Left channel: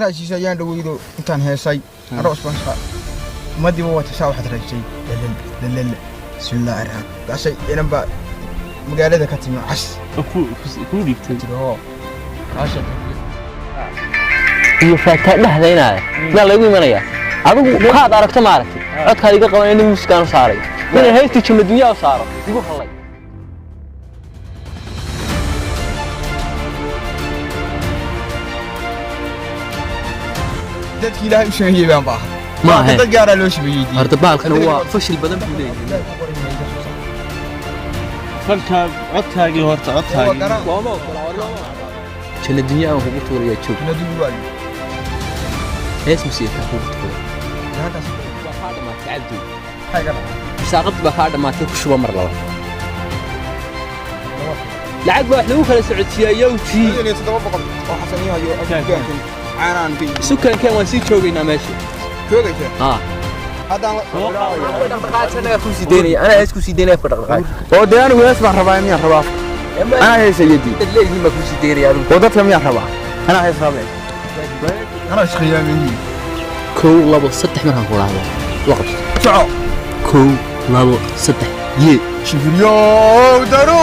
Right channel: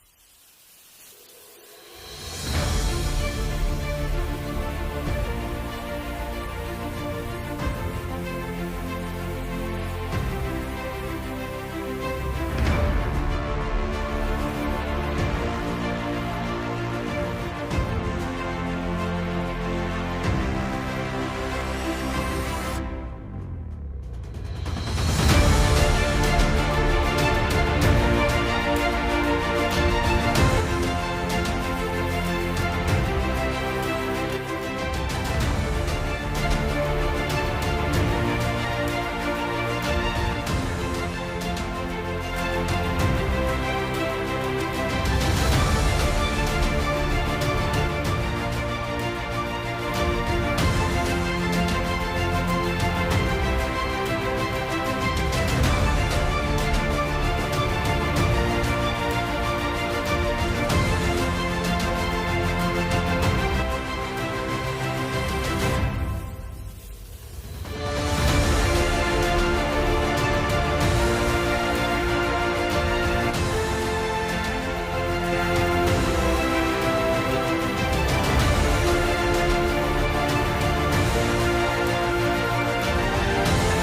خاطر شيء يان دويدو انتان هيساي اروس بنشا ما دي هو تشاو حد رجي لل بسم الله الرحمن بس انا با مقالده كتم عش كودي تجرو عشان iyo faaka dhahdaynaay ma lagu imanaya adigu qaad aragto ma aragti codka iga qaban inuu muskaan saaray inay heesti jima dunya saaro igu qalay dadki ilaahay sheegay baa ma aha dad gaar ah loo shibiyay horta baalkan waa fashil badan buu leeyahay فكر عدتاجي هورتا عدتاجي jima dunya oo ugu tuuraya joog hees musiiq saaqad baa dhamaatay ku shuba mar laba lacag baa lagu kala socodsiiyay yowti sukan kan waa si joogayna meesha هذا فوسي ديني أنا إيش كوسي ديني في الرقاق ودي انا واسمع رباعي يا رباع انا هي سيدي اللي ما فوسي ديني يا رب ودت لم يا رباع انا هي رباع انا ايش خيالي كو لابو ستح من هالقرآن وقت تعال كو لابو ستح شوف اليوم دارو